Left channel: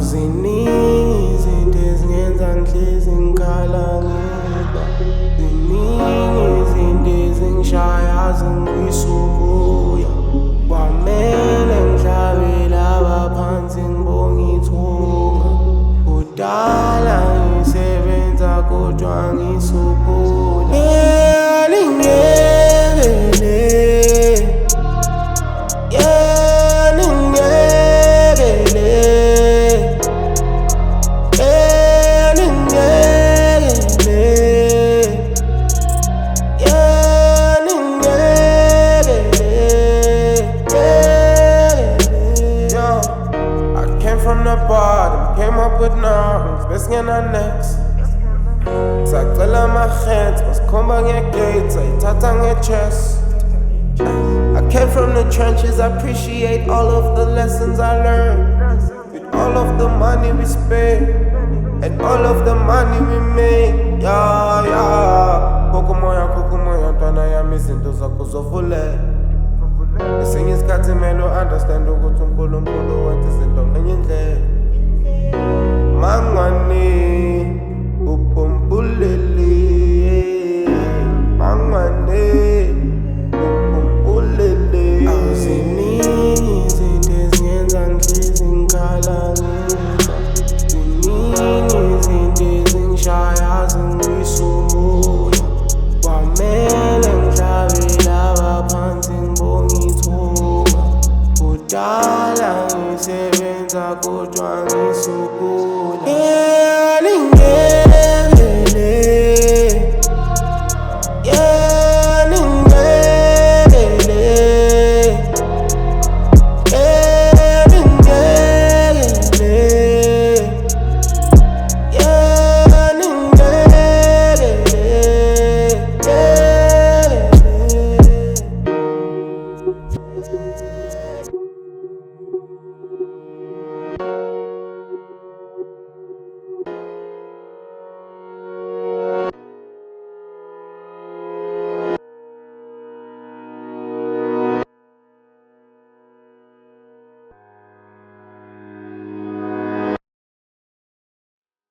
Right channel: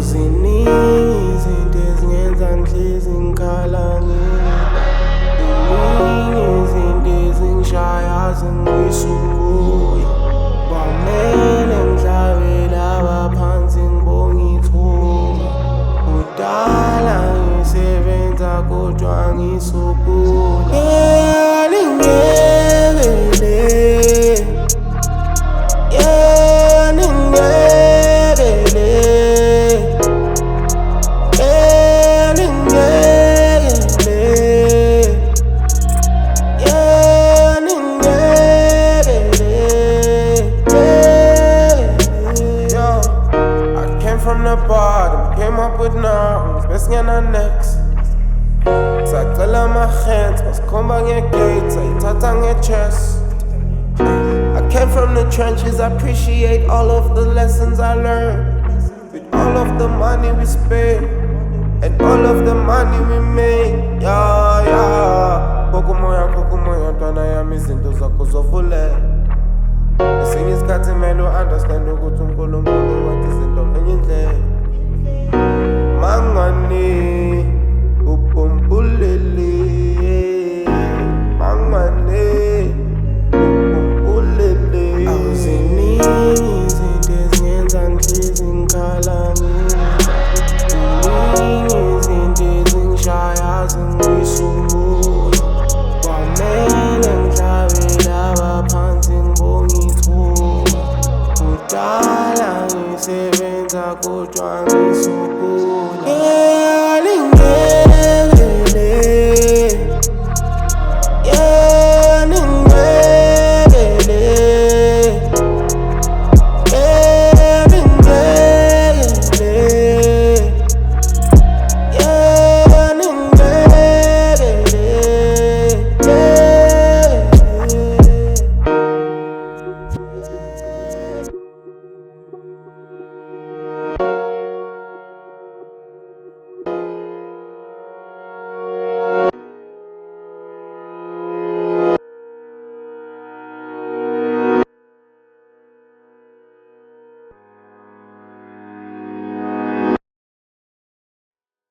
Awuziningi izinto ezingenza ngihlezi ngikhala ngedwa. Ziningi izinto ezingishaya zingibuyisa umoya. Kwamele ngihlabe laba phansi ngibonge ithunga. Kudala ngisebenza kodwa ngisukula. Ngyekeleni, from the bottom, came up with nothing, best ngena next. Sacela amahens, masikhomba ngegates, ayithatha nge-chest. I came from the trenches, appreciate all of the lessons I learned. With all of the money we spent, and all of the money we made. Yeah, yeah. Kokumoya, ntwana yami izinto zakho zovule. Esinye isikhathi mele u-understand ukuthi uNkulunkulu wenza izinto ngenye indlela. Mangwane upumpulele, mangwane upumpulele. Awuziningi izinto ezingenza ngihlezi ngikhala ngedwa. Ziningi izinto ezingishaya zingibuyisa umoya. Kwamele ngihlabe laba phansi ngibonge ithunga. Kudala ngisebenza kodwa ngisukula. Ngyekeleni.